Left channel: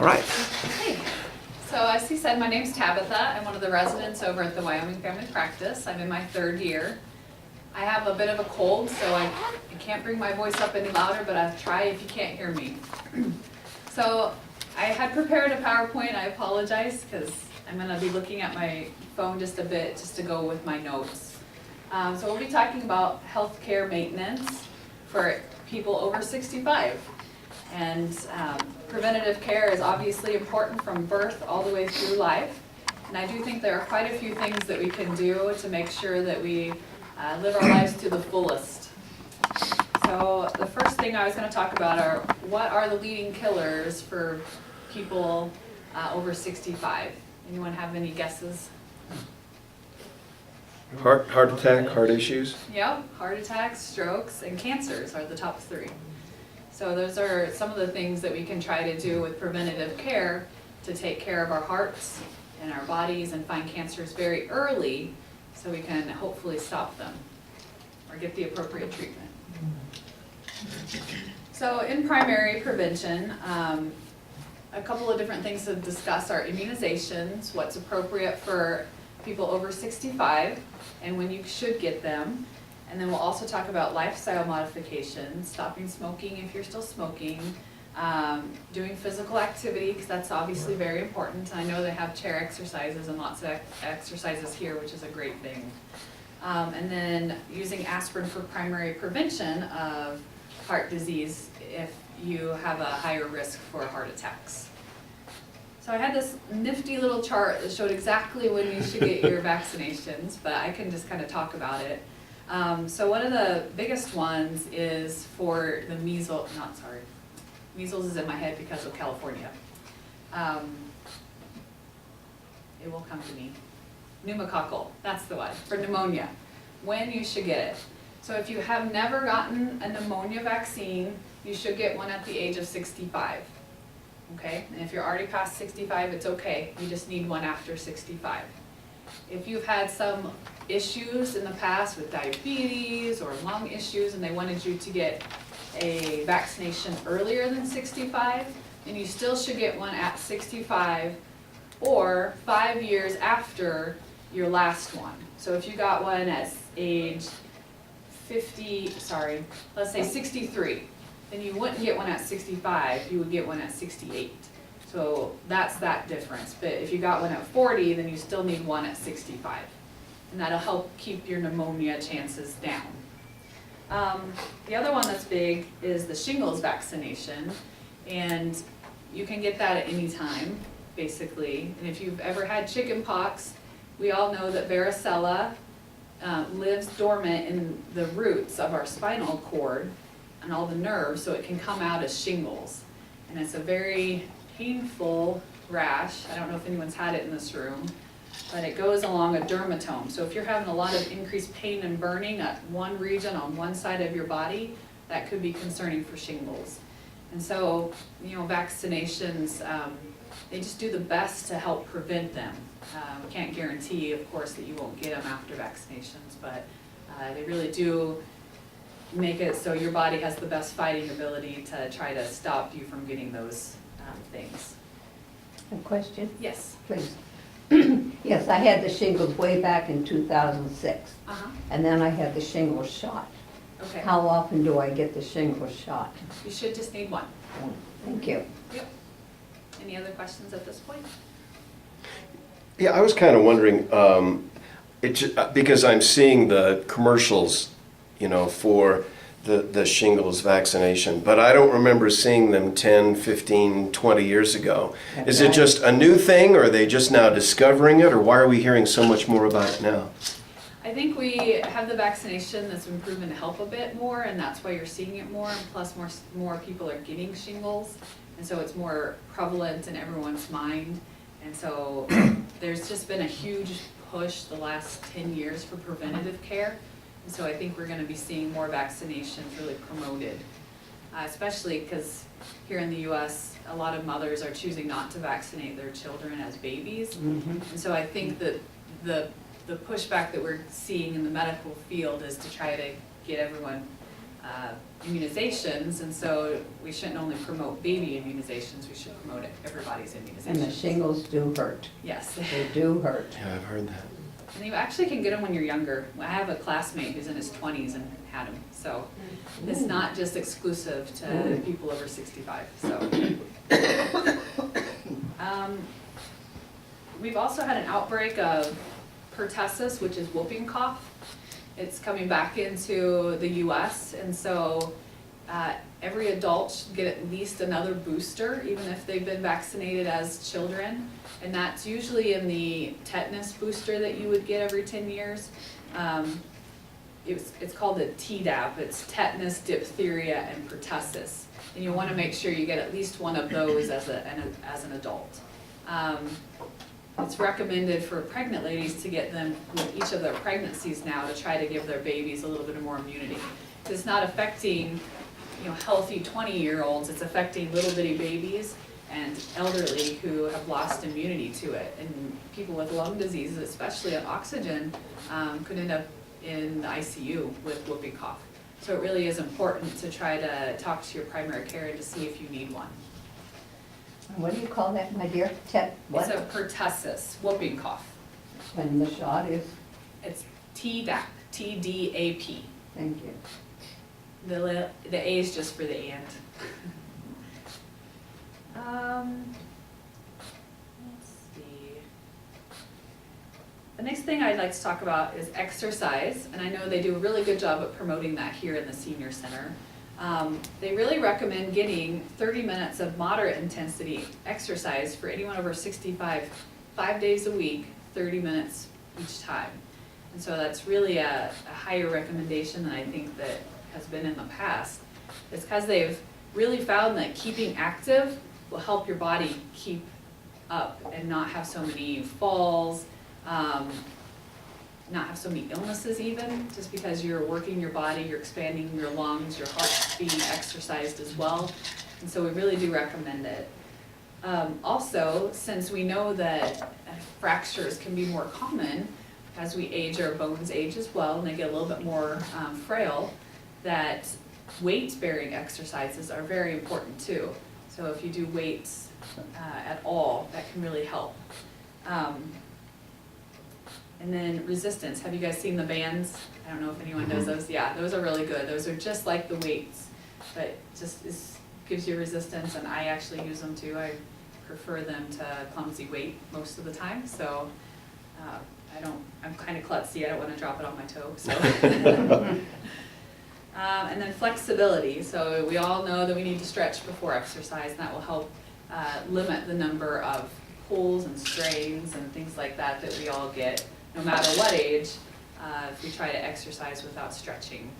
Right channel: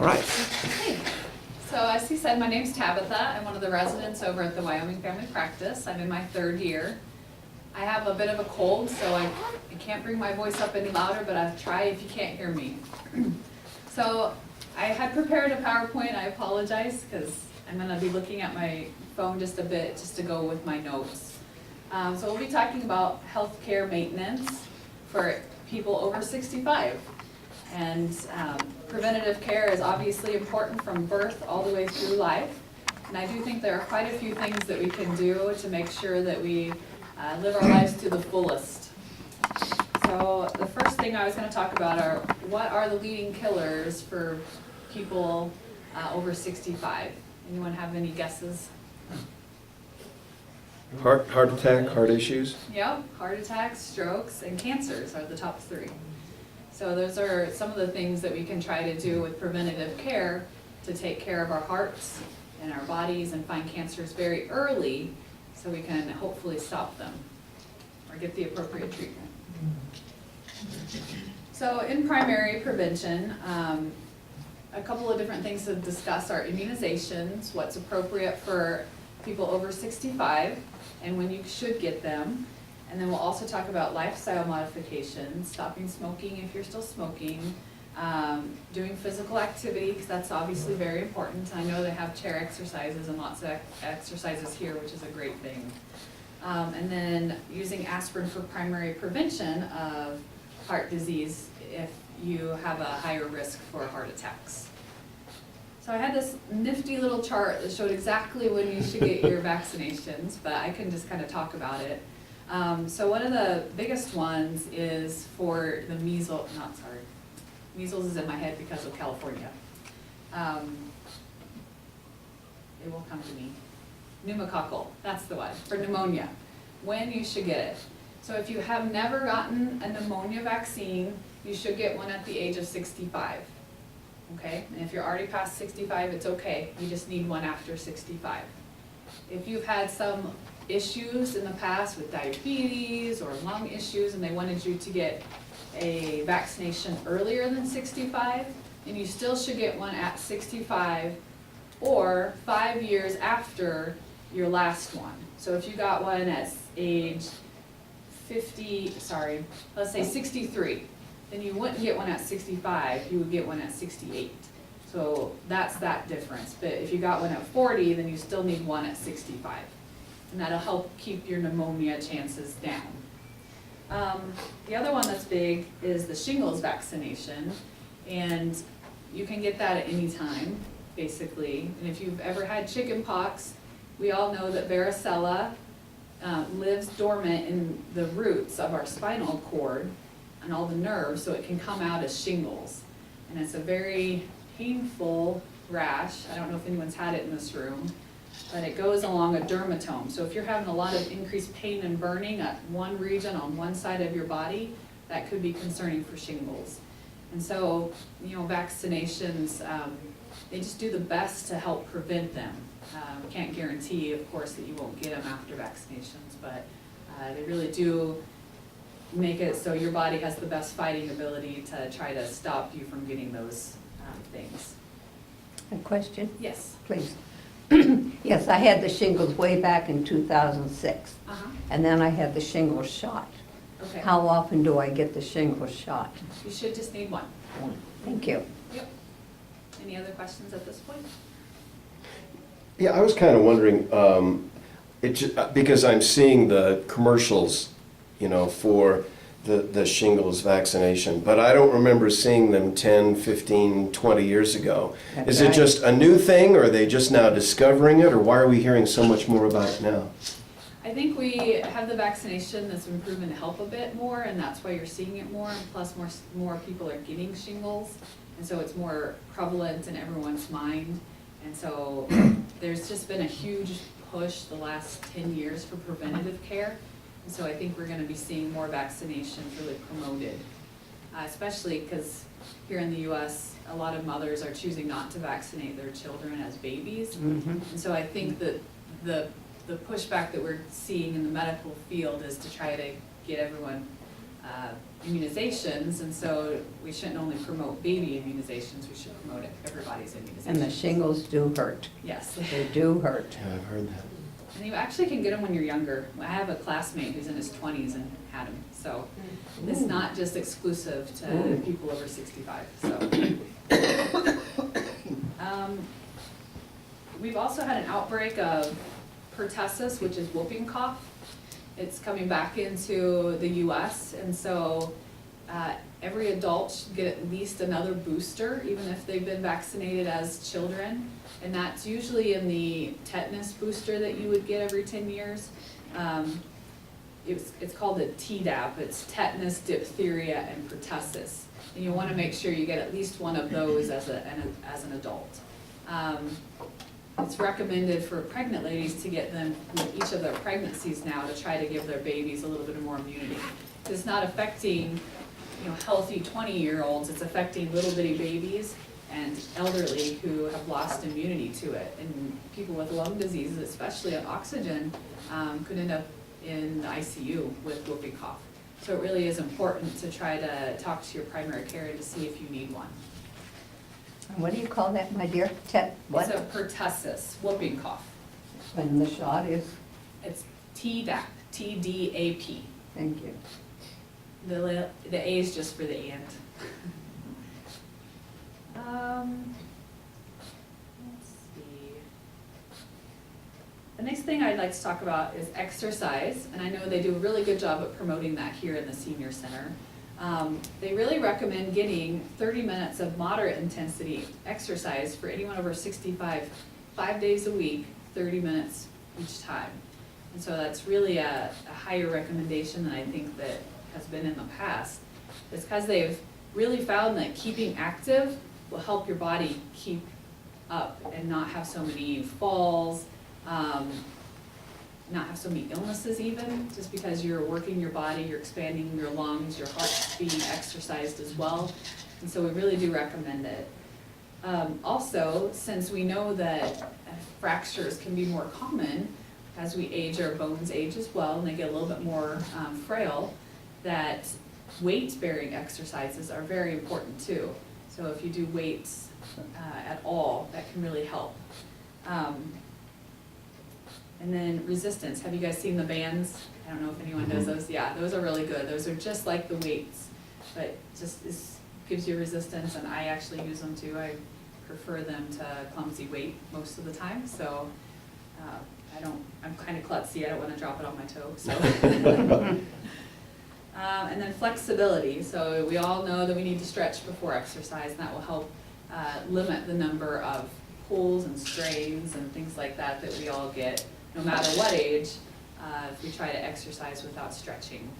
All right. Hey. So as he said, my name's Tabitha. I'm one of the residents over at the Wyoming Family Practice. I'm in my 3rd year. I have a bit of a cold, so I can't bring my voice up any louder, but I'll try if you can't hear me. So I had prepared a PowerPoint. I apologize because I'm going to be looking at my phone just a bit just to go with my notes. So we'll be talking about healthcare maintenance for people over 65. And preventative care is obviously important from birth all the way through life. And I do think there are quite a few things that we can do to make sure that we live our lives to the fullest. So the first thing I was going to talk about are what are the leading killers for people over 65? Anyone have any guesses? Heart attack, heart issues. Yep, heart attacks, strokes, and cancers are the top 3. So those are some of the things that we can try to do with preventative care to take care of our hearts and our bodies and find cancers very early so we can hopefully stop them or get the appropriate treatment. So in primary prevention, a couple of different things to discuss are immunizations, what's appropriate for people over 65 and when you should get them. And then we'll also talk about lifestyle modifications, stopping smoking if you're still smoking, doing physical activity, because that's obviously very important. I know they have chair exercises and lots of exercises here, which is a great thing. And then using aspirin for primary prevention of heart disease if you have a higher risk for heart attacks. So I had this nifty little chart that showed exactly when you should get your vaccinations, but I can just kind of talk about it. So one of the biggest ones is for the measles is in my head because of California. It will come to me. Pneumococcal, that's the one, for pneumonia, when you should get it. So if you have never gotten a pneumonia vaccine, you should get one at the age of 65. Okay, and if you're already past 65, it's okay, you just need one after 65. If you've had some issues in the past with diabetes or lung issues and they wanted you to get a vaccination earlier than 65, then you still should get one at 65 or 5 years after your last one. So if you got one at age let's say 63, then you wouldn't get one at 65, you would get one at 68. So that's that difference. But if you got one at 40, then you still need one at 65. And that'll help keep your pneumonia chances down. The other one that's big is the shingles vaccination. And you can get that at any time, basically. And if you've ever had chicken pox, we all know that varicella lives dormant in the roots of our spinal cord and all the nerves, so it can come out as shingles. And it's a very painful rash. I don't know if anyone's had it in this room, but it goes along a dermatome. So if you're having a lot of increased pain and burning at one region on one side of your body, that could be concerning for shingles. And so, vaccinations, they just do the best to help prevent them. We can't guarantee, of course, that you won't get them after vaccinations, but they really do make it so your body has the best fighting ability to try to stop you from getting those things. A question? Yes. Please. Yes, I had the shingles way back in 2006, and then I had the shingles shot. Okay. How often do I get the shingles shot? You should just need one. Thank you. Yep. Any other questions at this point? Yeah, I was kind of wondering, because I'm seeing the commercials, for the shingles vaccination, but I don't remember seeing them 10, 15, 20 years ago. That's Is it right. just a new thing, or are they just now discovering it, or why are we hearing so much more about it now? I think we have the vaccination that's been proven to help a bit more, and that's why you're seeing it more, and plus more people are getting shingles, and so it's more prevalent in everyone's mind. And so there's just been a huge push the last 10 years for preventative care. And so I think we're going to be seeing more vaccinations really promoted, especially because here in the U.S., a lot of mothers are choosing not to vaccinate their children as babies. And so I think that the pushback that we're seeing in the medical field is to try to get everyone immunizations, and so we shouldn't only promote baby immunizations, we should promote everybody's immunizations. And the shingles do hurt. Yes. They do hurt. Yeah, I've heard that. And you actually can get them when you're younger. I have a classmate who's in his 20s and had them, so it's not just exclusive to people over 65, so. We've also had an outbreak of pertussis, which is whooping cough. It's coming back into the US, and so every adult should get at least another booster, even if they've been vaccinated as children. And that's usually in the tetanus booster that you would get every 10 years. It's called the Tdap. It's tetanus, diphtheria, and pertussis. And you want to make sure you get at least one of those as an adult. It's recommended for pregnant ladies to get them with each of their pregnancies now to try to give their babies a little bit more immunity. It's not affecting, healthy 20-year-olds. It's affecting little bitty babies and elderly who have lost immunity to it. And people with lung diseases, especially on oxygen, could end up in the ICU with whooping cough. So it really is important to try to talk to your primary care to see if you need one. What do you call that, my dear? What? It's a pertussis, whooping cough. When the shot is? It's Tdap, Tdap. Thank you. The A is just for the and. Let's see. The next thing I'd like to talk about is exercise, and I know they do a really good job at promoting that here in the senior center. They really recommend getting 30 minutes of moderate intensity exercise for anyone over 65, 5 days a week, 30 minutes each time. And so that's really a higher recommendation than I think that has been in the past. It's because they've really found that keeping active will help your body keep up and not have so many falls, not have so many illnesses even, just because you're working your body, you're expanding your lungs, your heart's being exercised as well. And so we really do recommend it. Also, since we know that fractures can be more common as we age, our bones age as well, and they get a little bit more frail, that weight-bearing exercises are very important too. So if you do weights at all, that can really help. And then resistance. Have you guys seen the bands? I don't know if anyone does those. Yeah, those are really good. Those are just like the weights, but just gives you resistance, and I actually use them too. I prefer them to clumsy weight most of the time, so I'm kind of klutzy. I don't want to drop it on my toe. So. And then flexibility. So we all know that we need to stretch before exercise, and that will help limit the number of pulls and strains and things like that that we all get, no matter what age, if we try to exercise without stretching.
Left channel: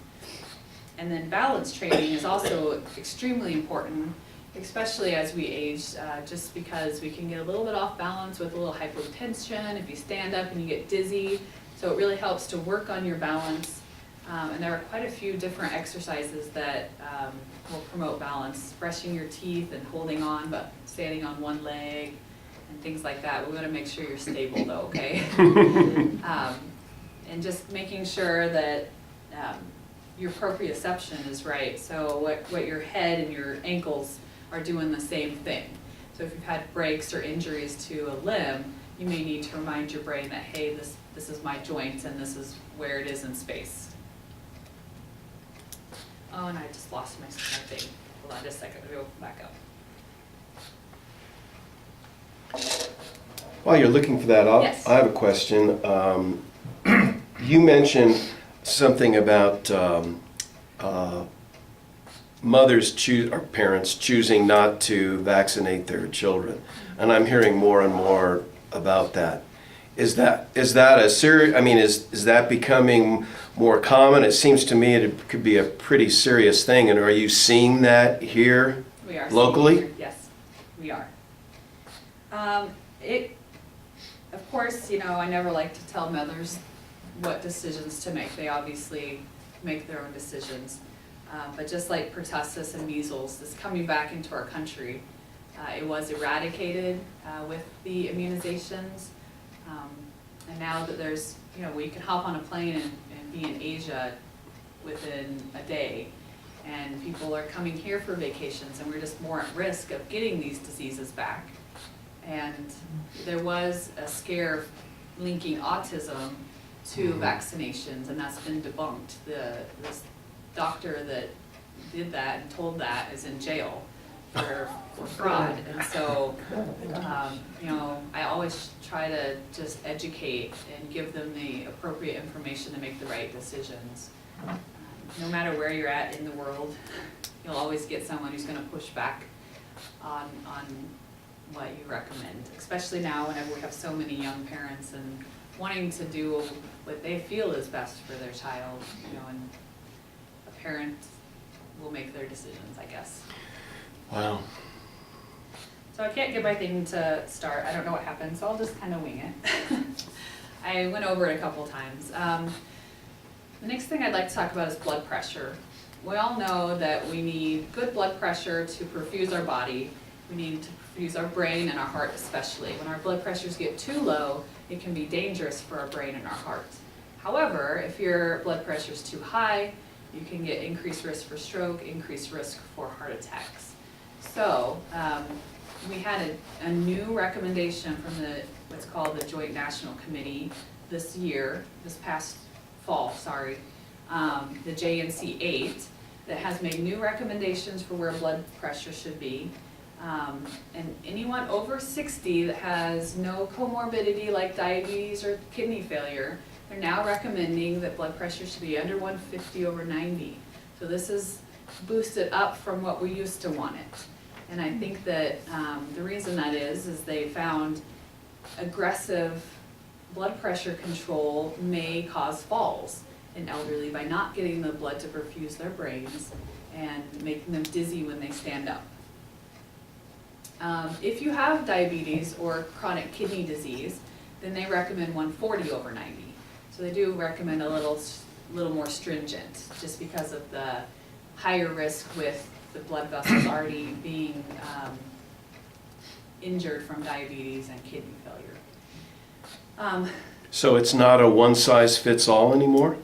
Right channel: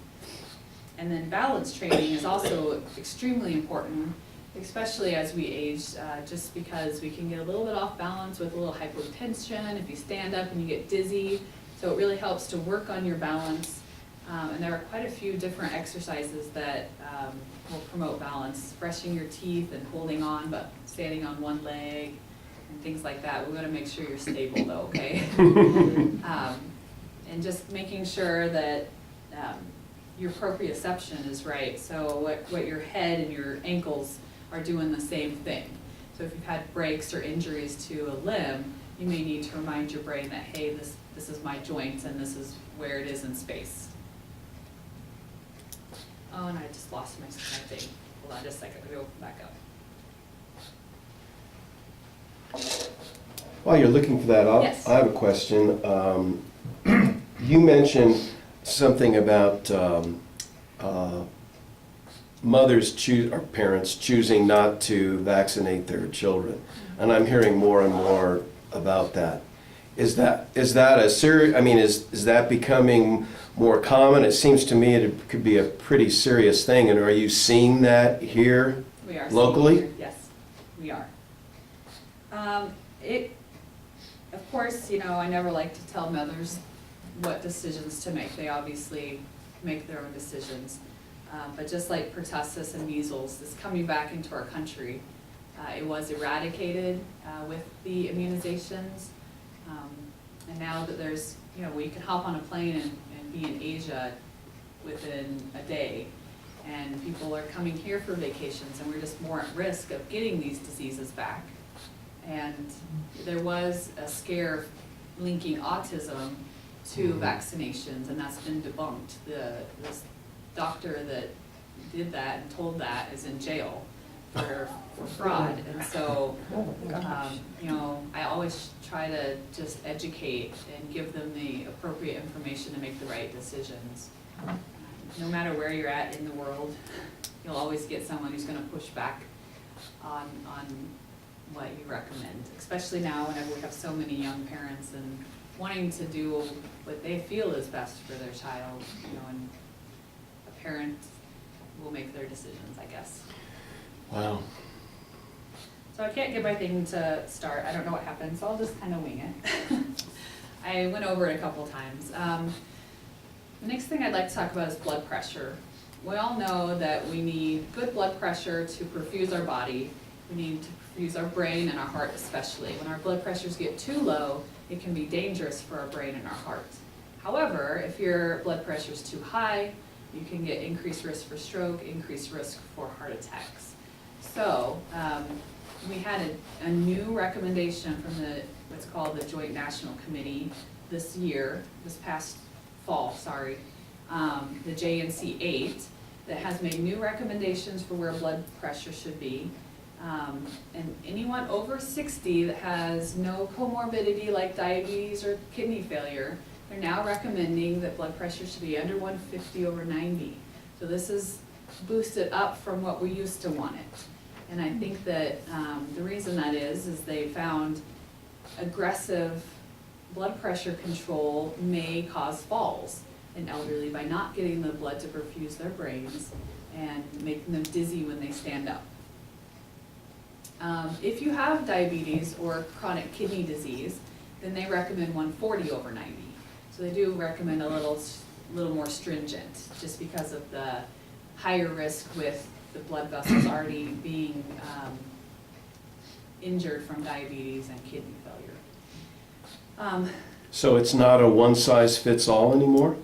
And then balance training is also extremely important, especially as we age, just because we can get a little bit off balance with a little hypotension if you stand up and you get dizzy. So it really helps to work on your balance. And there are quite a few different exercises that will promote balance, brushing your teeth and holding on but standing on one leg and things like that. We want to make sure you're stable though, okay? And just making sure that your proprioception is right. So what your head and your ankles are doing the same thing. So if you've had breaks or injuries to a limb, you may need to remind your brain that, hey, this is my joint and this is where it is in space. Oh, and I just lost my thing. Hold on just a second, let me open back up. While you're looking for that, Yes. I have a question. You mentioned something about mothers or parents choosing not to vaccinate their children, and I'm hearing more and more about that. Is that a serious? I mean, is that becoming more common? It seems to me it could be a pretty serious thing. And are you seeing that here? We are locally? Here. Yes, we are. Of course, I never like to tell mothers what decisions to make. They obviously make their own decisions. But just like pertussis and measles is coming back into our country, it was eradicated with the immunizations. And now that there's, we can hop on a plane and be in Asia within a day. And people are coming here for vacations, and we're just more at risk of getting these diseases back. And there was a scare linking autism to vaccinations, and that's been debunked. This doctor that did that and told that is in jail for fraud. And so, you know, I always try to just educate and give them the appropriate information to make the right decisions. No matter where you're at in the world, you'll always get someone who's gonna push back on what you recommend, especially now whenever we have so many young parents and wanting to do what they feel is best for their child, you know, and a parent will make their decisions, I guess. Wow. So I can't get my thing to start, I don't know what happened, so I'll just kind of wing it. I went over it a couple times. The next thing I'd like to talk about is blood pressure. We all know that we need good blood pressure to perfuse our body. We need to perfuse our brain and our heart especially. When our blood pressures get too low, it can be dangerous for our brain and our heart. However, if your blood pressure is too high, you can get increased risk for stroke, increased risk for heart attacks. So we had a new recommendation from what's called the Joint National Committee this past fall, the JNC 8, that has made new recommendations for where blood pressure should be. And anyone over 60 that has no comorbidity like diabetes or kidney failure, they're now recommending that blood pressure should be under 150/90. So this is boosted up from what we used to want it. And I think that the reason that is they found aggressive blood pressure control may cause falls in elderly by not getting the blood to perfuse their brains and making them dizzy when they stand up. If you have diabetes or chronic kidney disease, then they recommend 140/90. So they do recommend a little more stringent, just because of the higher risk with the blood vessels already being injured from diabetes and kidney failure. So it's not a one-size-fits-all anymore?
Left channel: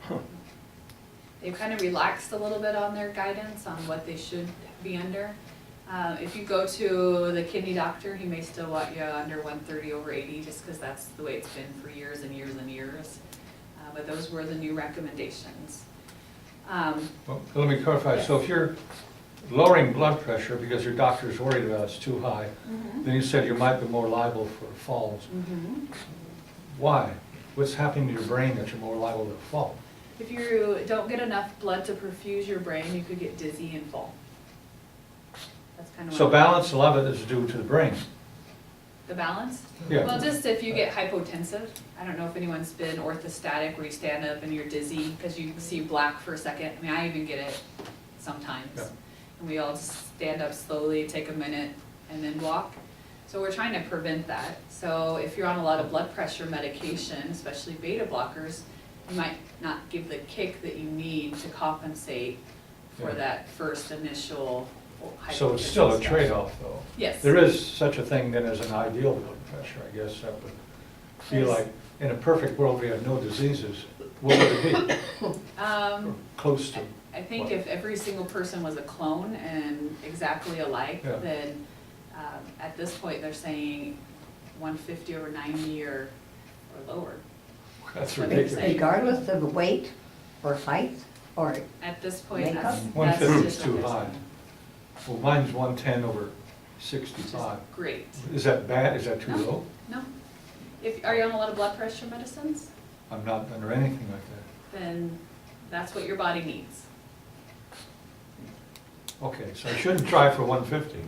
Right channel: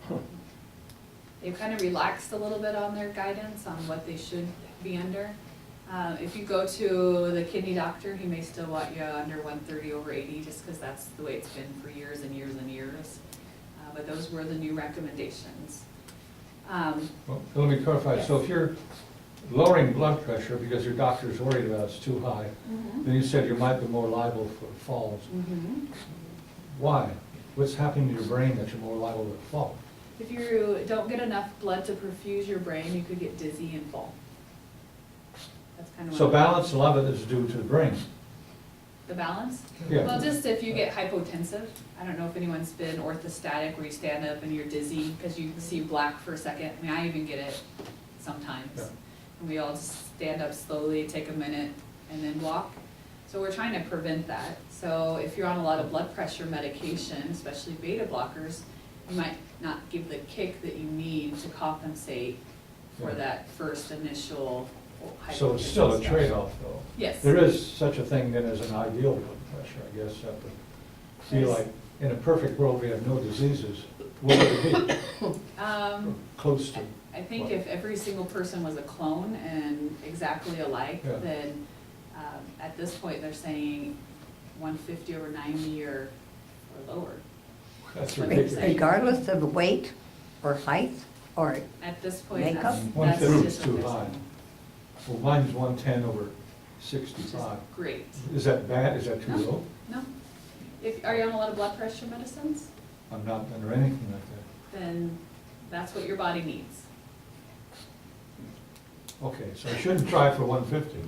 Huh. They've kind of relaxed a little bit on their guidance on what they should be under. If you go to the kidney doctor, he may still want you under 130/80, just because that's the way it's been for years and years and years. But those were the new recommendations. Well, let me clarify, so if you're lowering blood pressure because your doctor's worried about it's too high, then you said you might be more liable for falls. Why? What's happening to your brain that you're more liable to fall? If you don't get enough blood to perfuse your brain, you could get dizzy and fall. That's kind of So balance, a lot of it is due to the brain. the balance? Yeah. Well, just if you get hypotensive, I don't know if anyone's been orthostatic where you stand up and you're dizzy because you see black for a second. I mean, I even get it sometimes. Yeah. And we all just stand up slowly, take a minute, and then walk. So we're trying to prevent that. So if you're on a lot of blood pressure medication, especially beta blockers, you might not give the kick that you need to compensate for Yeah. that first initial hypotension. So it's still a step. trade-off, though. Yes. There is such a thing then as an ideal blood pressure, I guess. That would feel Yes. like, in a perfect world, we have no diseases. What would it be? Close to. I think what? if every single person was a clone and exactly alike, Yeah. then at this point, they're saying 150/90 or lower. That's what they're ridiculous. saying. Regardless of weight or height or, At this point, Makeup? that's 150 just is what too they're high. saying. Well, mine's 110/65. Which is great. Is that bad? Is that too No. low? No. Are you on a lot of blood pressure medicines? I'm not under anything like that. Then that's what your body needs. Okay, so I shouldn't try for 150.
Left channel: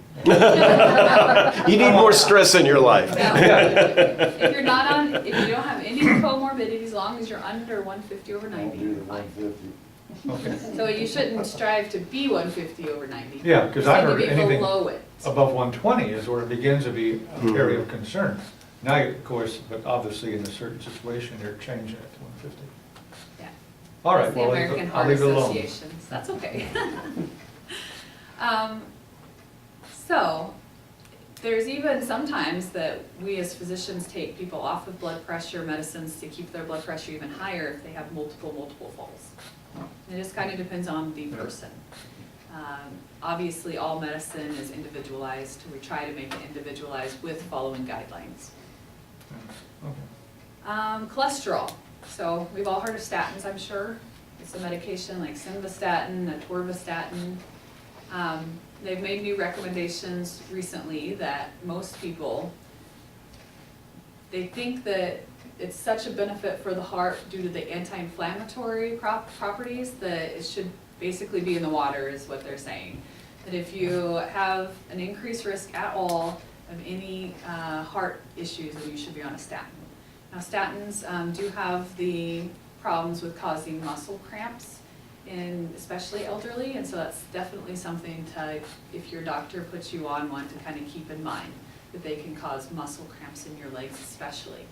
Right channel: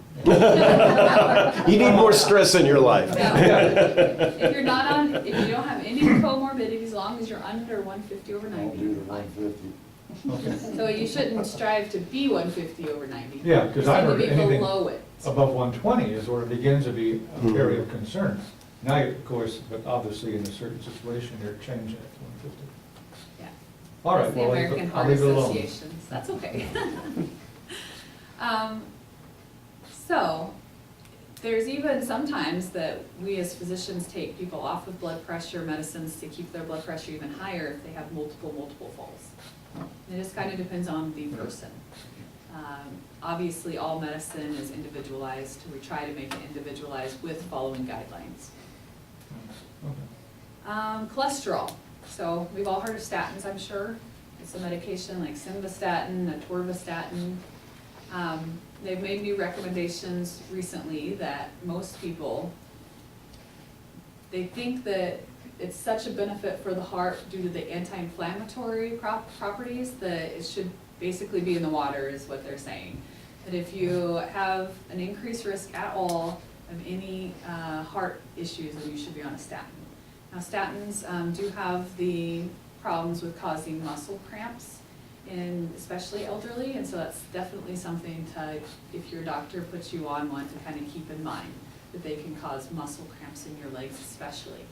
You need more stress in your life. Now, if you don't have any comorbidities, as long as you're under 150/90, you're fine. Okay. So you shouldn't strive to be 150/90. Yeah, 'cause I You heard need to be anything below it. Above 120 is where it begins to be an area of concern. Now, of course, but obviously in a certain situation, they're changing it to 150. Yeah. All right, That's the well, American I'll Heart leave it alone. Association, so that's okay. So, there's even sometimes that we as physicians take people off of blood pressure medicines to keep their blood pressure even higher if they have multiple falls. It just kind of depends on the person. Obviously, all medicine is individualized. We try to make it individualized with following guidelines. Okay. Cholesterol. So we've all heard of statins, I'm sure. It's a medication like simvastatin, atorvastatin. They've made new recommendations recently that most people, they think that it's such a benefit for the heart due to the anti-inflammatory properties that it should basically be in the water, is what they're saying. That if you have an increased risk at all of any heart issues, then you should be on a statin. Now statins do have the problems with causing muscle cramps, in especially elderly, and so that's definitely something to, if your doctor puts you on one, to kind of keep in mind, that they can cause muscle cramps in your legs especially.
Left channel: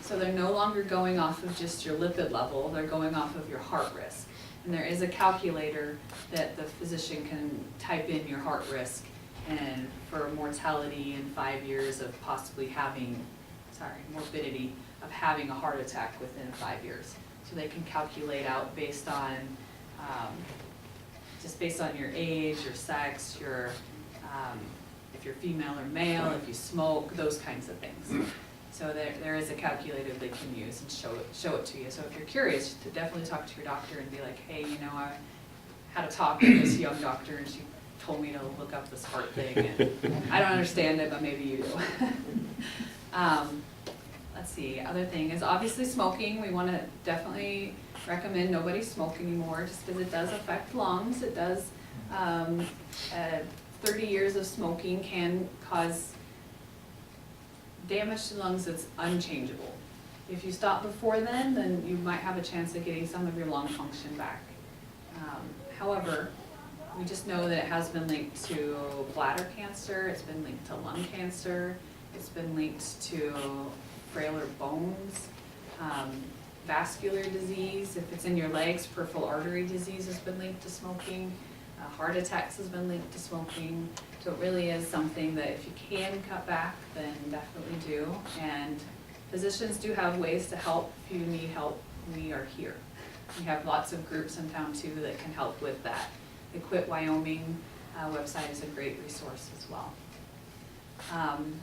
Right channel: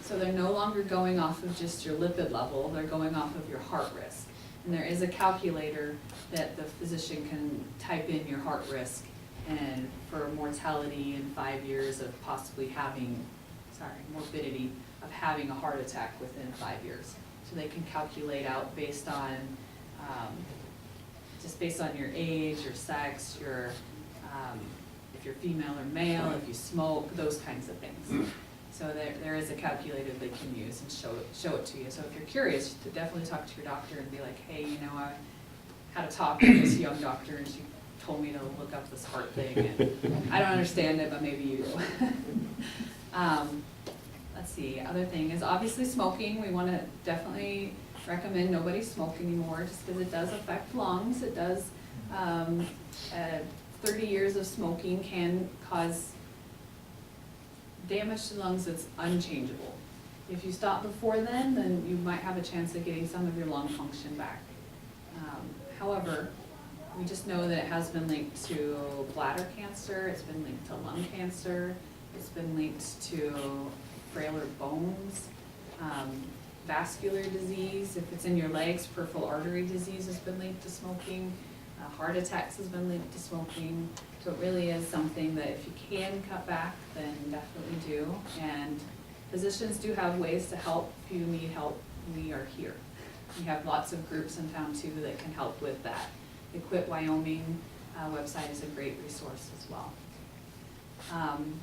So they're no longer going off of just your lipid level, they're going off of your heart risk. And there is a calculator that the physician can type in your heart risk and for mortality in 5 years of possibly having, morbidity of having a heart attack within 5 years. So they can calculate out based on, just based on your age, your sex, your, if you're female or male, if you smoke, those kinds of things. So there is a calculator they can use and show it to you. So if you're curious, to definitely talk to your doctor and be like, hey, you know, I had a talk with this young doctor and she told me to look up this heart thing, and I don't understand it, but maybe you do. Let's see, other thing is obviously smoking. We want to definitely recommend nobody smoke anymore, just because it does affect lungs. It does, 30 years of smoking can cause damage to lungs that's unchangeable. If you stop before then you might have a chance of getting some of your lung function back. However, we just know that it has been linked to bladder cancer, it's been linked to lung cancer, it's been linked to frailer bones, vascular disease. If it's in your legs, peripheral artery disease has been linked to smoking. Heart attacks has been linked to smoking. So it really is something that if you can cut back, then definitely do. And physicians do have ways to help. If you need help, we are here. We have lots of groups in town too that can help with that. The Quit Wyoming website is a great resource as well. I'm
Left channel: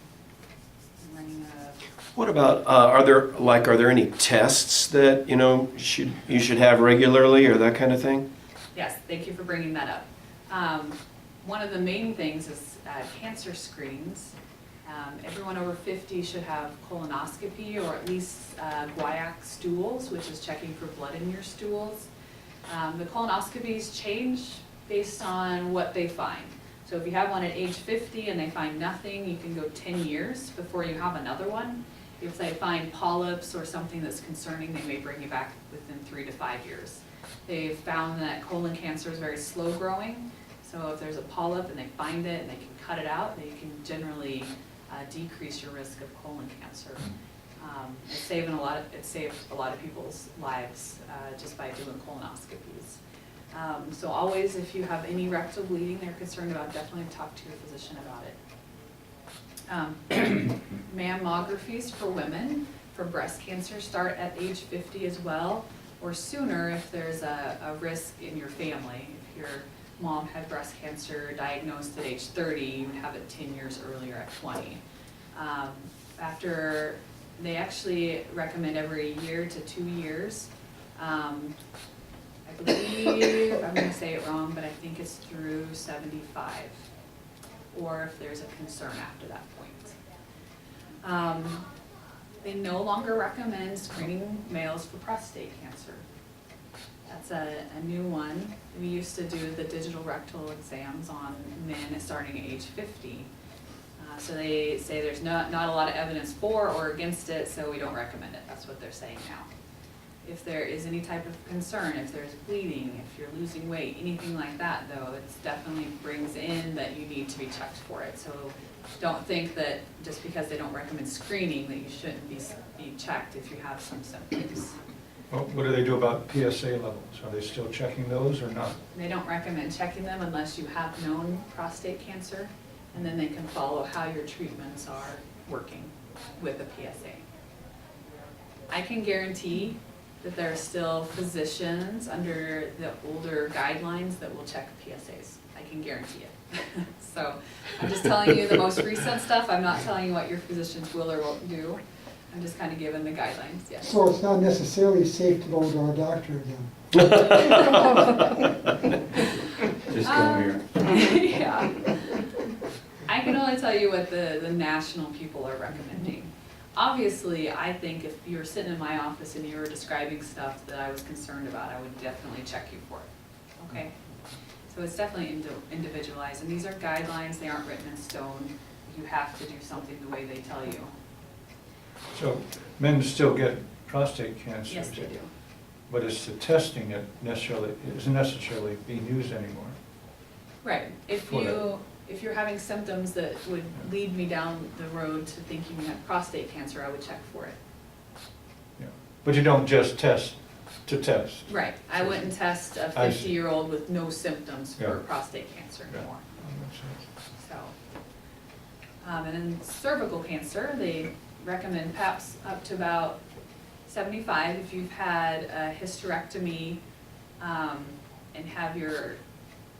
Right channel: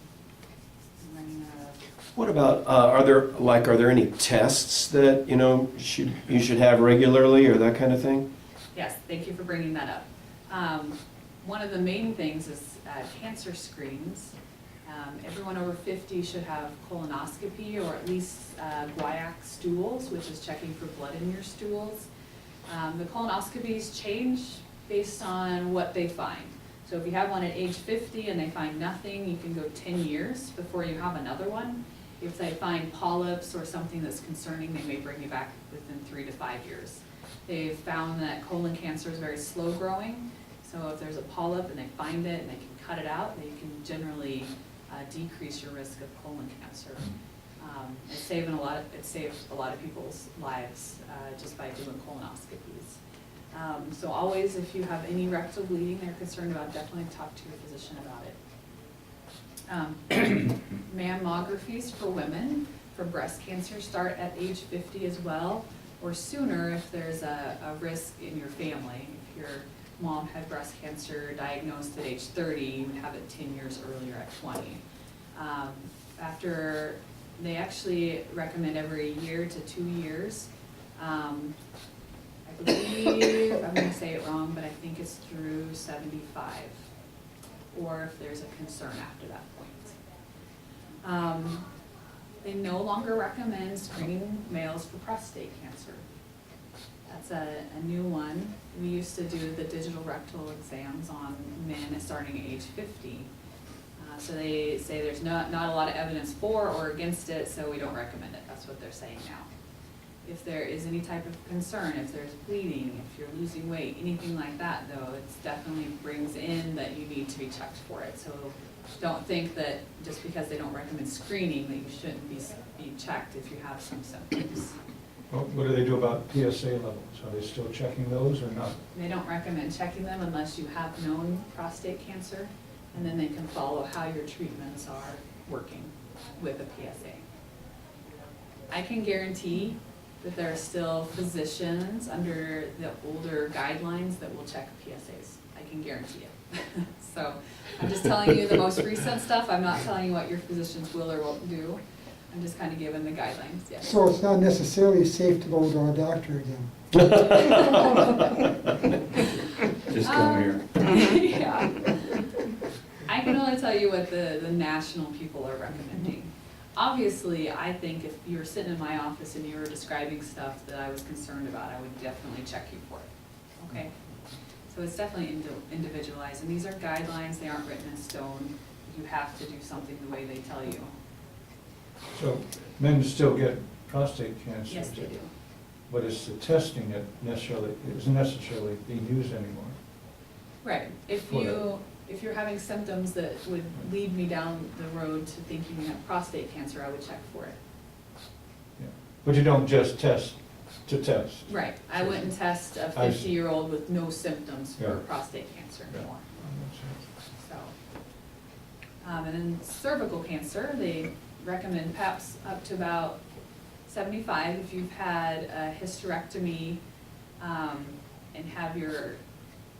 running out of. What about, are there any tests that, you know, you should have regularly or that kind of thing? Yes, thank you for bringing that up. One of the main things is cancer screens. Everyone over 50 should have colonoscopy or at least guaiac stools, which is checking for blood in your stools. The colonoscopies change based on what they find. So if you have one at age 50 and they find nothing, you can go 10 years before you have another one. If they find polyps or something that's concerning, they may bring you back within 3 to 5 years. They've found that colon cancer is very slow growing. So if there's a polyp and they find it and they can cut it out, they can generally decrease your risk of colon cancer. It saved a lot of people's lives just by doing colonoscopies. So always, if you have any rectal bleeding they're concerned about, definitely talk to your physician about it. Mammographies for women for breast cancer start at age 50 as well, or sooner if there's a risk in your family. If your mom had breast cancer diagnosed at age 30, you would have it 10 years earlier at 20. After, they actually recommend every year to 2 years. I believe, I'm going to say it wrong, but I think it's through 75, or if there's a concern after that point. They no longer recommend screening males for prostate cancer. That's a new one. We used to do the digital rectal exams on men starting at age 50. So they say there's not a lot of evidence for or against it, so we don't recommend it. That's what they're saying now. If there is any type of concern, if there's bleeding, if you're losing weight, anything like that though, it definitely brings in that you need to be checked for it. So don't think that just because they don't recommend screening that you shouldn't be checked if you have some symptoms. Well, what do they do about PSA levels? Are they still checking those or not? They don't recommend checking them unless you have known prostate cancer, and then they can follow how your treatments are working with a PSA. I can guarantee that there are still physicians under the older guidelines that will check PSAs. I can guarantee it. So I'm just telling you the most recent stuff. I'm not telling you what your physicians will or won't do. I'm just kind of giving the guidelines, yes. So it's not necessarily safe to go to our doctor again. Just come here. Yeah. I can only tell you what the national people are recommending. Obviously, I think if you were sitting in my office and you were describing stuff that I was concerned about, I would definitely check you for it, okay? So it's definitely individualized, and these are guidelines, they aren't written in stone. You have to do something the way they tell you. So men still get prostate cancer. Yes, they do. But it's the testing that isn't necessarily being used anymore. Right, if you're having symptoms that would lead me down the road to thinking you have prostate cancer, I would check for it. Yeah. But you don't just test to test. Right, I wouldn't test a I see. 50-year-old with no symptoms for Yeah. prostate cancer Yeah. anymore, That makes sense. so. And then cervical cancer, they recommend PAPs up to about 75. If you've had a hysterectomy, and have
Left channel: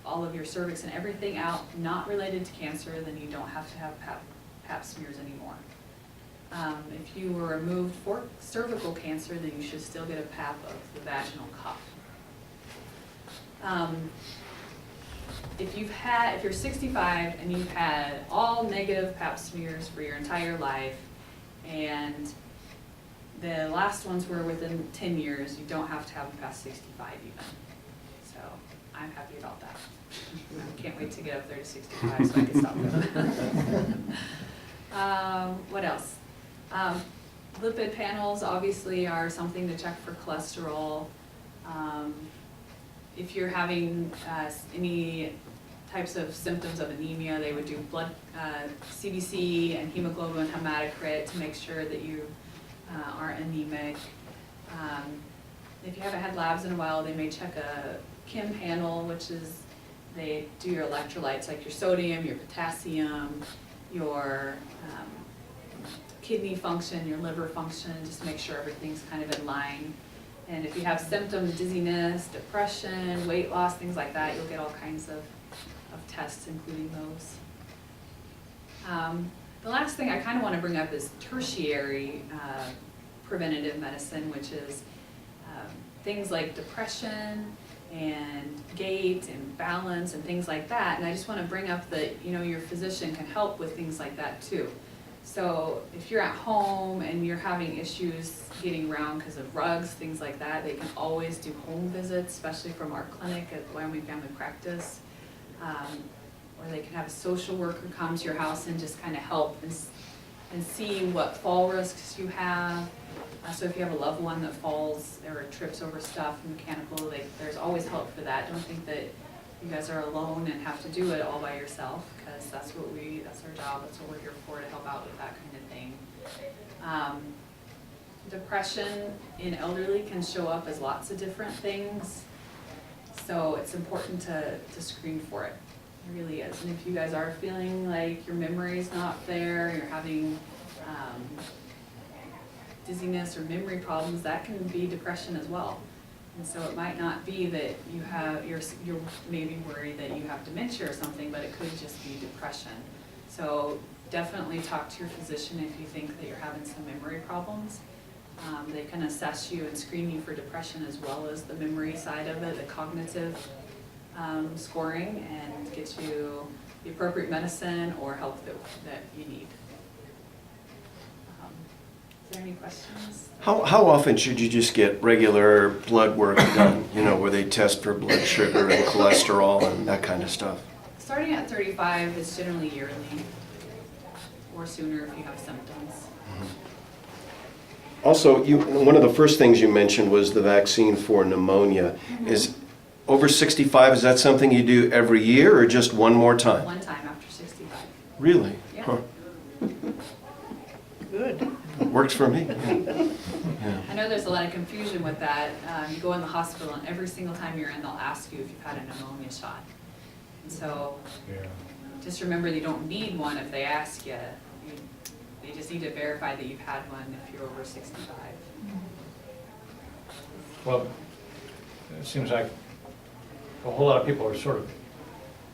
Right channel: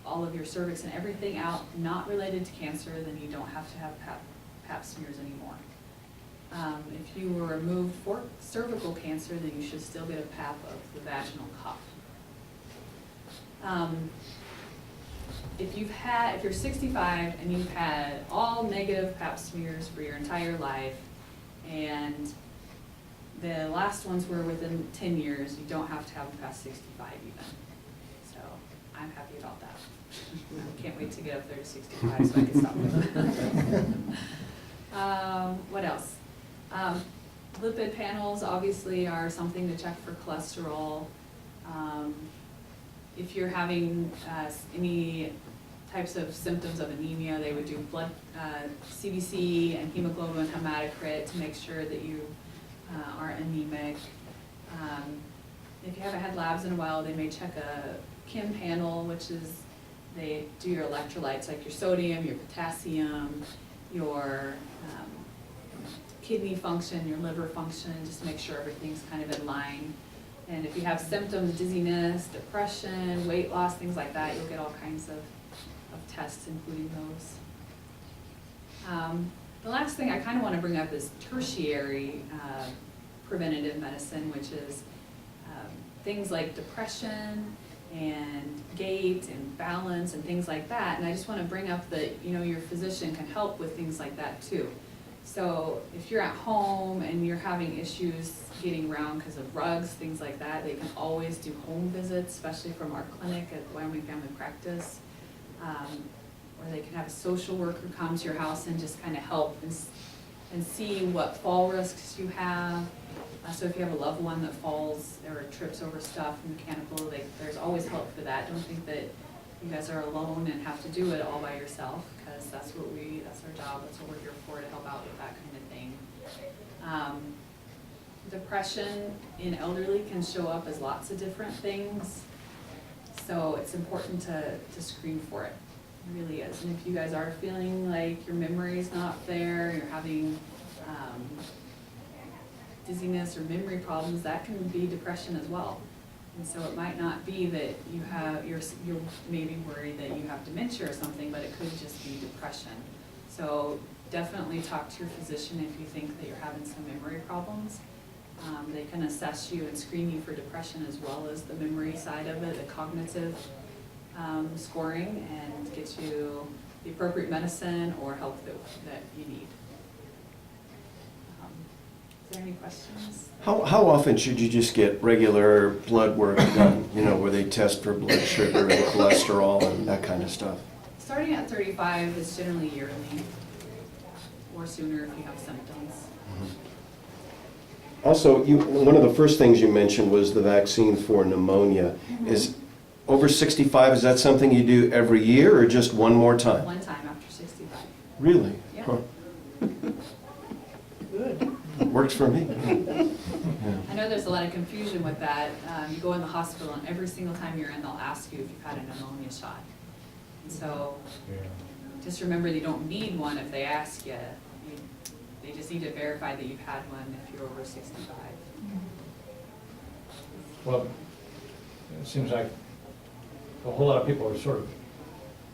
all of your cervix and everything out, not related to cancer, then you don't have to have pap smears anymore. If you were removed for cervical cancer, then you should still get a pap of the vaginal cuff. If you're 65 and you've had all negative pap smears for your entire life, and the last ones were within 10 years, you don't have to have them past 65 even. So I'm happy about that. I can't wait to get up there to 65 so I can stop them. What else? Lipid panels obviously are something to check for cholesterol. If you're having any types of symptoms of anemia, they would do blood CBC and hemoglobin hematocrit to make sure that you aren't anemic. If you haven't had labs in a while, they may check a Kim panel, which is they do your electrolytes like your sodium, your potassium, your kidney function, your liver function, just to make sure everything's kind of in line. And if you have symptoms, dizziness, depression, weight loss, things like that, you'll get all kinds of tests, including those. The last thing I kind of want to bring up is tertiary preventative medicine, which is things like depression and gait and balance and things like that. And I just want to bring up that, your physician can help with things like that too. So if you're at home and you're having issues getting around because of rugs, things like that, they can always do home visits, especially from our clinic at Wyoming Family Practice. Or they can have a social worker come to your house and just kind of help and see what fall risks you have. So if you have a loved one that falls or trips over stuff mechanical, there's always help for that. Don't think that you guys are alone and have to do it all by yourself, because that's our job, that's what we're here for, to help out with that kind of thing. Depression in elderly can show up as lots of different things, so it's important to screen for it. It really is. And if you guys are feeling like your memory's not there, you're having dizziness or memory problems, that can be depression as well. And so it might not be that you're maybe worried that you have dementia or something, but it could just be depression. So definitely talk to your physician if you think that you're having some memory problems. They can assess you and screen you for depression as well as the memory side of it, the cognitive scoring, and get you the appropriate medicine or help that you need. Is there any questions? How often should you just get regular blood work done, where they test for blood sugar and cholesterol and that kind of stuff? Starting at 35 is generally yearly, or sooner if you have symptoms. Also, one of the first things you mentioned was the vaccine for pneumonia. Mm-hmm. Is over 65, is that something you do every year or just one more time? One time after 65. Really? Yeah. Huh. Good. Works for me. Yeah. I know there's a lot of confusion with that. You go in the hospital and every single time you're in, they'll ask you if you've had a pneumonia shot. And so just remember you don't need one if they ask you. They just need to verify that you've had one if you're over 65. Well, it seems like a whole lot of people are sort of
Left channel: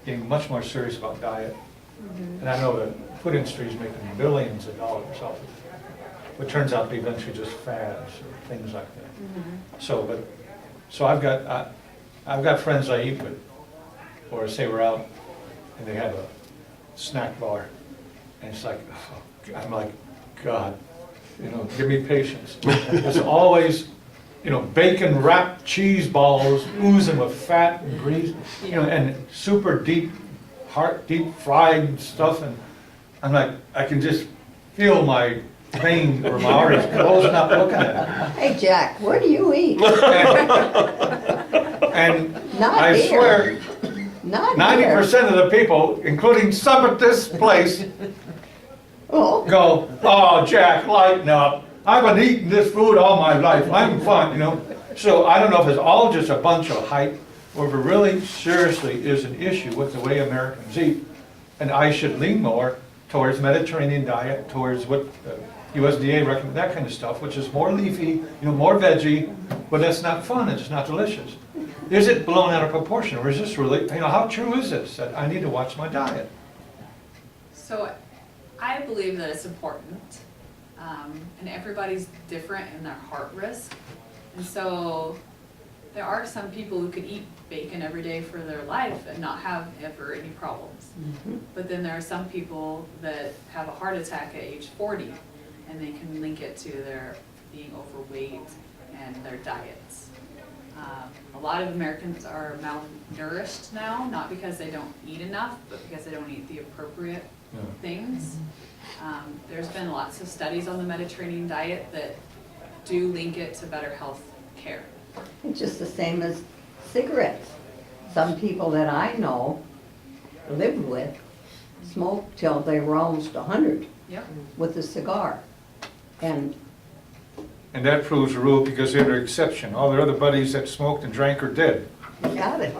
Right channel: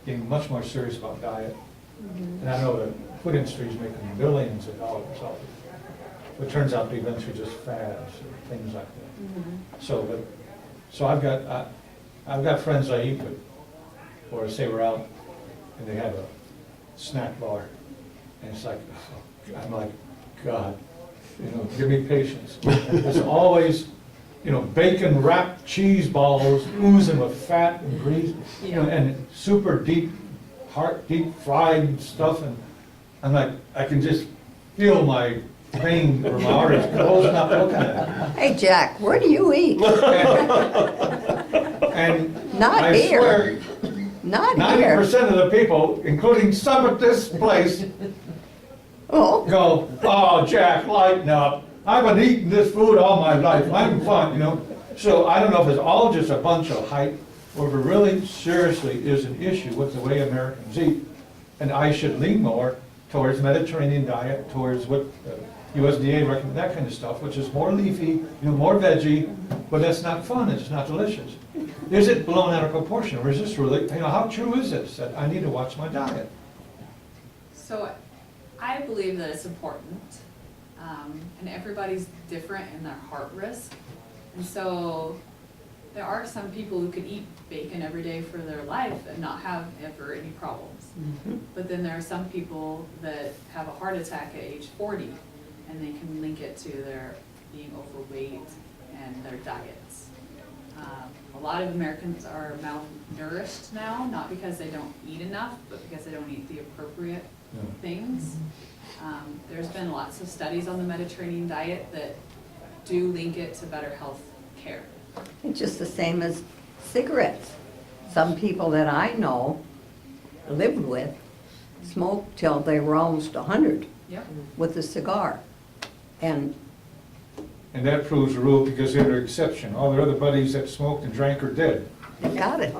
getting much more serious about diet. And I know the food industry is making billions of dollars off of it. But it turns out to be eventually just fads or things like that. So I've got friends I eat with, or say we're out and they have a snack bar. And it's like, oh, I'm like, God, give me patience. There's always, bacon wrapped cheese balls oozing with fat and grease, and super deep fried stuff. And I'm like, I can just feel my vein or my arteries closing up looking at it. Hey, Jack, where do you eat? And Not I here. swear, Not here. 90% of the people, including some at this place, Oh, go, oh, Jack, lighten up. I've been eating this food all my life. I'm fine, So I don't know if it's all just a bunch of hype or if it really seriously is an issue with the way Americans eat. And I should lean more towards Mediterranean diet, towards what USDA recommends, that kind of stuff, which is more leafy, more veggie, but that's not fun, it's not delicious. Is it blown out of proportion, or is this really, how true is this, that I need to watch my diet? So I believe that it's important, and everybody's different in their heart risk. And so there are some people who could eat bacon every day for their life and not have ever any problems. But then there are some people that have a heart attack at age 40, and they can link it to their being overweight and their diets. A lot of Americans are malnourished now, not because they don't eat enough, but because they don't eat the appropriate things. There's been lots of studies on the Mediterranean diet that do link it to better health care. it's just the same as cigarettes. Some people that I know lived with smoked till they were almost 100 Yep. with a cigar. And And that proves the rule because they're the exception. All their other buddies that smoked and drank are dead. you got it.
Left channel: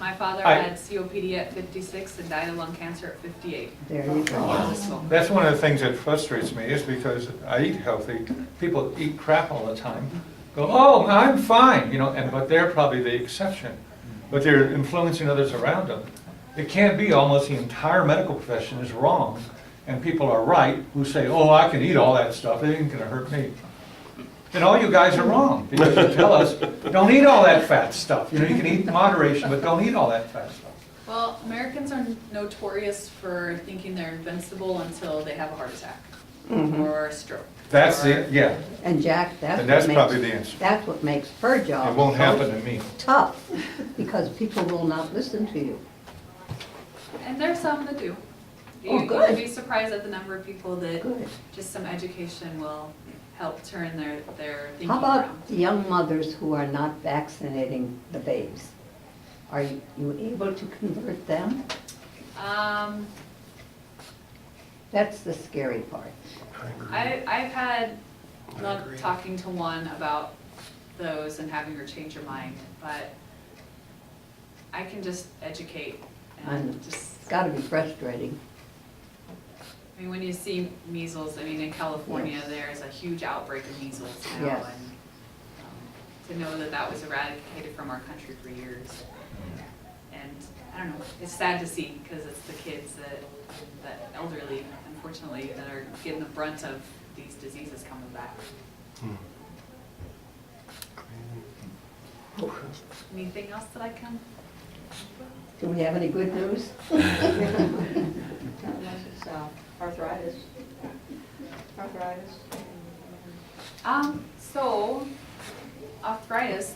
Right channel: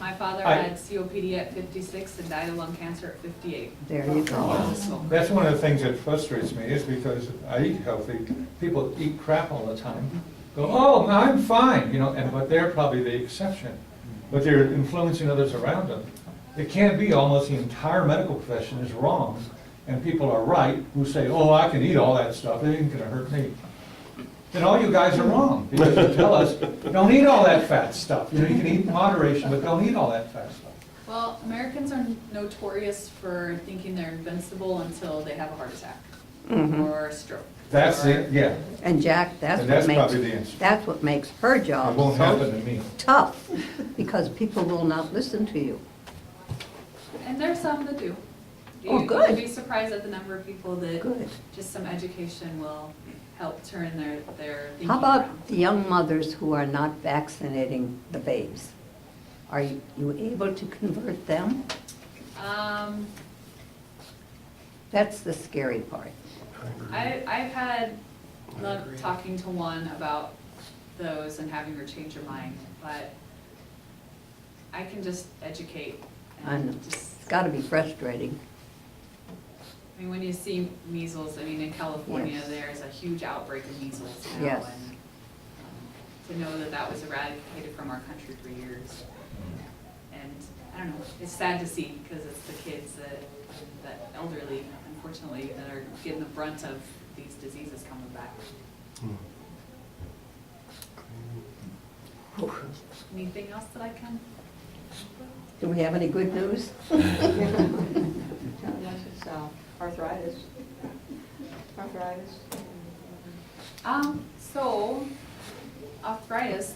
My father I- had COPD at 56 and died of lung cancer at 58. There you go. He was a smoker. That's one of the things that frustrates me is because I eat healthy. People eat crap all the time. Go, oh, I'm fine, but they're probably the exception. But they're influencing others around them. It can't be almost the entire medical profession is wrong and people are right who say, oh, I can eat all that stuff. It ain't gonna hurt me. Then all you guys are wrong because you tell us, don't eat all that fat stuff. You can eat in moderation, but don't eat all that fat stuff. Well, Americans are notorious for thinking they're invincible until they have a heart attack or a stroke. That's or- it, yeah. And Jack, that's And what that's makes, probably the answer. that's what makes her job It won't so happen to me. tough, because people will not listen to you. And there's some that do. Oh, You'll good. be surprised at the number of people that Good. just some education will help turn their thinking How around. about the young mothers who are not vaccinating the babes? Are you able to convert them? That's the scary part. I've had luck talking to one about those and having her change her mind, but I can just educate I know. and just, It's gotta be frustrating. I mean, when you see measles, in California, Yes. there's a huge outbreak of measles now. Yes. And to know that that was eradicated from our country for years. And I don't know, it's sad to see because it's the kids that elderly, unfortunately, that are getting the brunt of these diseases coming back. Anything else that I can? Do we have any good news? Arthritis. So arthritis,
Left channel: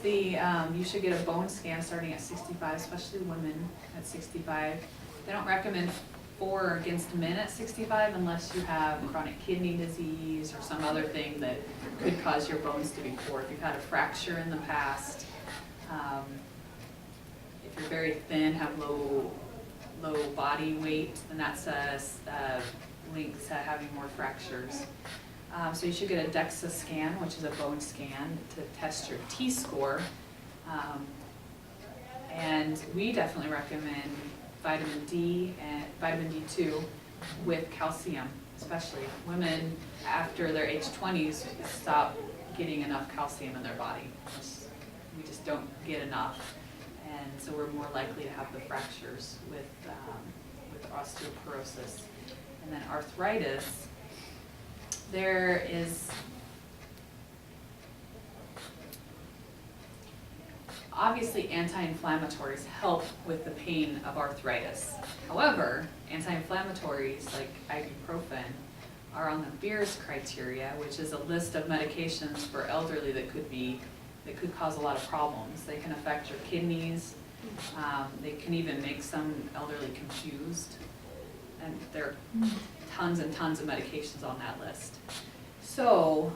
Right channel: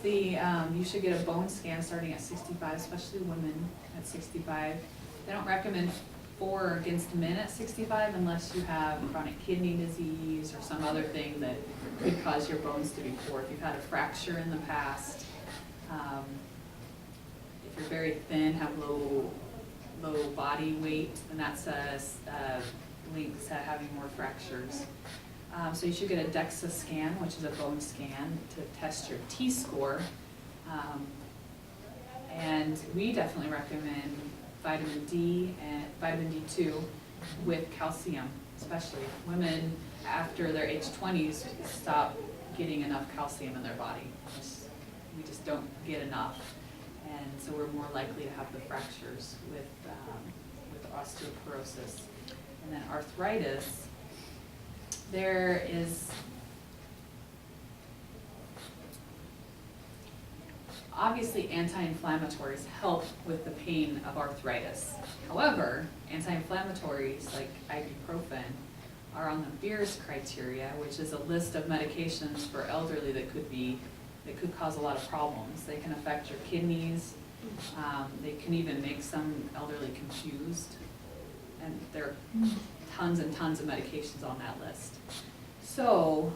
you should get a bone scan starting at 65, especially women at 65. They don't recommend for or against men at 65 unless you have chronic kidney disease or some other thing that could cause your bones to be poor. If you've had a fracture in the past, if you're very thin, have low body weight, then that's linked to having more fractures. So you should get a DEXA scan, which is a bone scan, to test your T-score. And we definitely recommend vitamin D and vitamin D2 with calcium, especially women after their age 20s stop getting enough calcium in their body. we just don't get enough. And so we're more likely to have the fractures with osteoporosis. And then arthritis, there is obviously anti-inflammatories help with the pain of arthritis. However, anti-inflammatories like ibuprofen are on the Beers criteria, which is a list of medications for elderly that could cause a lot of problems. They can affect your kidneys. They can even make some elderly confused. And there are tons and tons of medications on that list. So,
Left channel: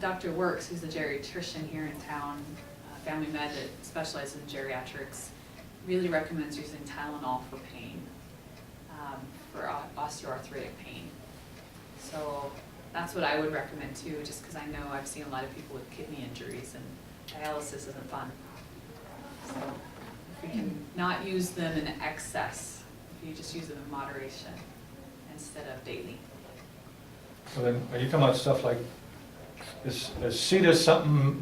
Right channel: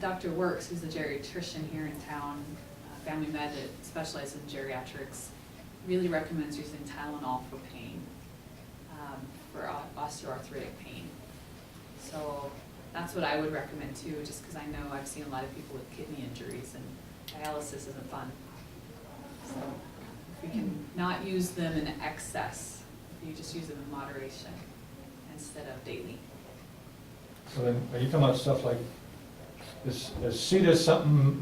Dr. Works, who's a geriatrician here in town, family med that specializes in geriatrics, really recommends using Tylenol for pain, for osteoarthritic pain. So that's what I would recommend too, just because I know I've seen a lot of people with kidney injuries and dialysis isn't fun. So if we can not use them in excess, if you just use them in moderation instead of daily. So then, are you talking about stuff like this Aceta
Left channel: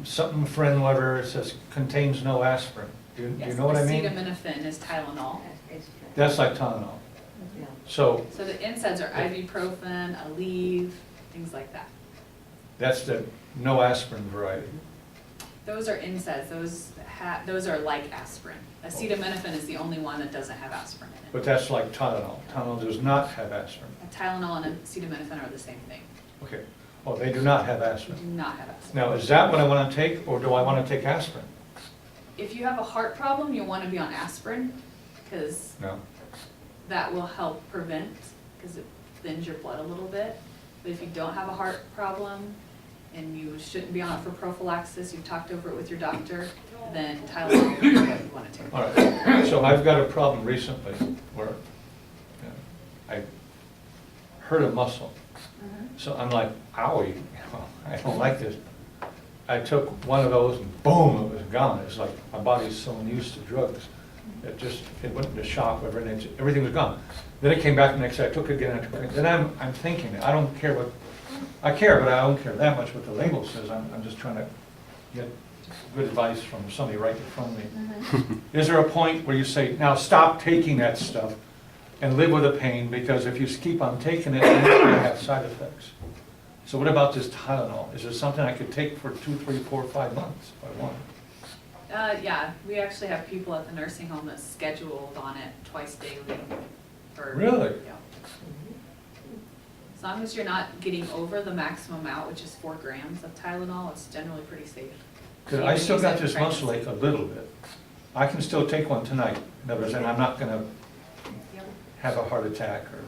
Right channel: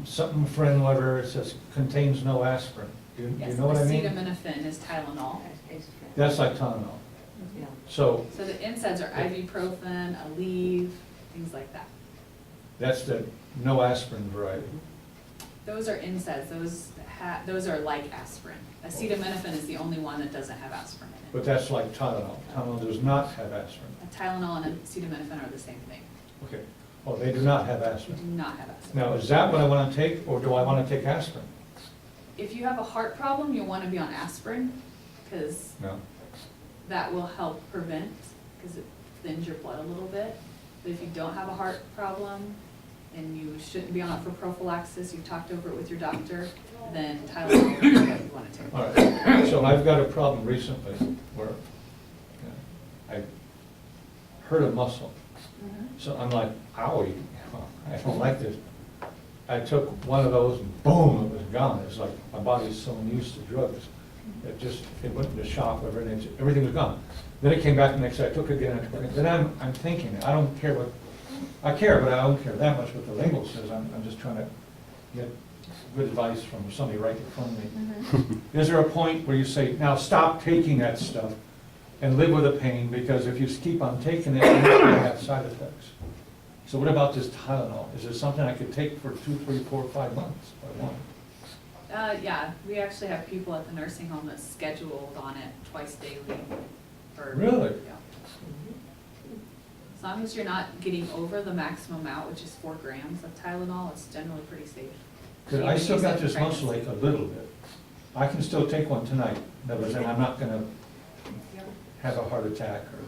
something friend whatever, it says contains no aspirin? Do you know what I mean? Acetaminophen is Tylenol. That's like Tylenol. Yeah. So So the NSAIDs are ibuprofen, Aleve, things like that. that's the no aspirin variety. Those are NSAIDs, those are like aspirin. Acetaminophen is the only one that doesn't have aspirin in it. But that's like Tylenol. Tylenol does not have aspirin. A Tylenol and acetaminophen are the same thing. Okay. Oh, they do not have They aspirin. do not have aspirin. Now, is that what I want to take, or do I want to take aspirin? If you have a heart problem, you'll want to be on aspirin, because No? that will help prevent, because it thins your blood a little bit. But if you don't have a heart problem, and you shouldn't be on it for prophylaxis, you've talked over it with your doctor, then Tylenol is what you want to take. All right. So I've got a problem recently where I hurt a muscle. Mhm. So I'm like, owie, I don't like this. I took one of those and boom, it was gone. It's like my body's so used to drugs. It went into shock, whatever, and everything was gone. Then it came back the next day, I took it again, I took it again. Then I'm thinking, I don't care what, I care, but I don't care that much what the label says. I'm just trying to get good advice from somebody right in front of me. Mhm. Is there a point where you say, now stop taking that stuff and live with the pain, because if you keep on taking it, it's going to have side effects? So what about this Tylenol? Is it something I could take for 2, 3, 4, 5 months if I want? Yeah, we actually have people at the nursing home that's scheduled on it twice daily for. Really? Yeah. As long as you're not getting over the maximum amount, which is 4 grams of Tylenol, it's generally pretty safe. Because I still got this muscle ache a little bit. I can still take one tonight. In other words, and I'm not going to Yep. have a heart attack or,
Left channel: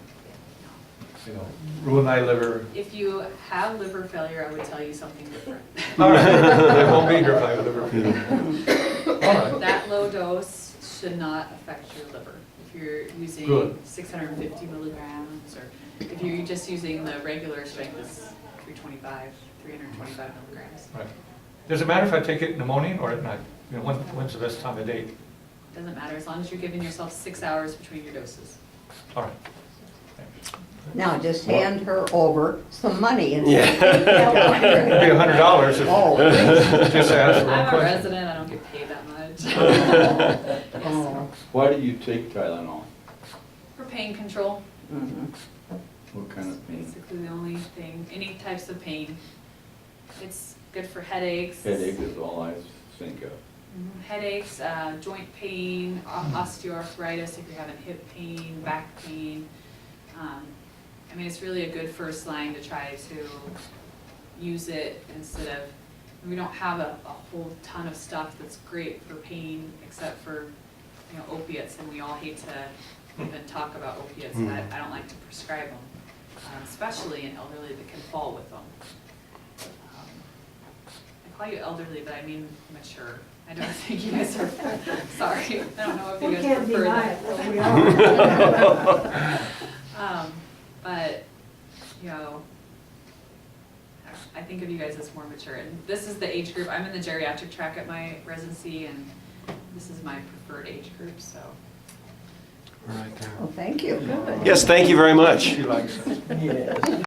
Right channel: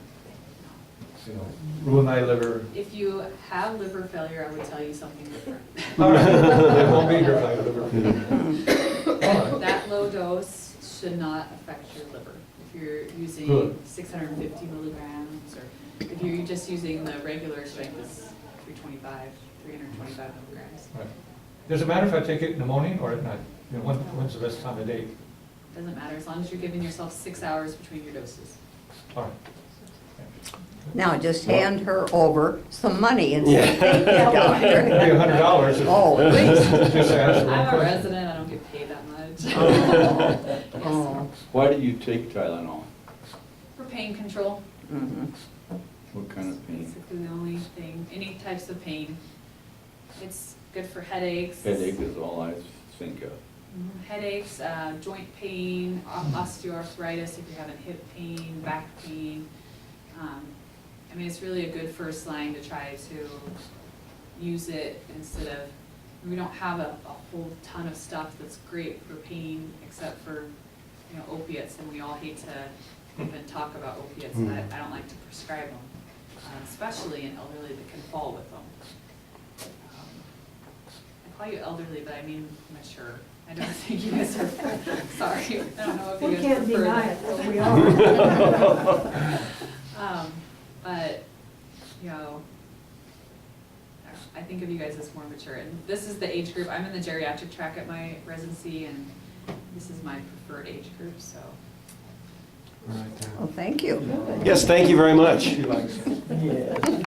ruin my liver. If you have liver failure, I would tell you something different. All right, it won't be here if I have liver failure. All right. That low dose should not affect your liver. If you're using Good. 650 milligrams, or if you're just using the regular strength is 325 milligrams. Right. Does it matter if I take it in the morning or at night? When's the best time of day? Doesn't matter, as long as you're giving yourself 6 hours between your doses. All right. Thanks. Now, just hand her over some money and Yeah. say, It'd be $100 if Oh. just ask the wrong I'm a question. resident, I don't get paid that much. Yes, Oh. Why do you take Tylenol? for pain control, Mhm. What kind of pain? basically the only thing, any types of pain. It's good for headaches. Headache is all I think of. Headaches, joint pain, osteoarthritis, if you're having hip pain, back pain. I mean, it's really a good first line to try to use it instead of, we don't have a whole ton of stuff that's great for pain except for, opiates, and we all hate to even talk about opiates. I don't like to prescribe them, especially in elderly that can fall with them. I call you elderly, but I mean mature. I don't think you guys are, sorry, I don't know if you We guys can't prefer deny that. it, but we are. But, I think of you guys as more mature, and this is the age group, I'm in the geriatric track at my residency, and this is my preferred age group, so. Right there. Well, thank you. Yes, thank you very much. She likes it.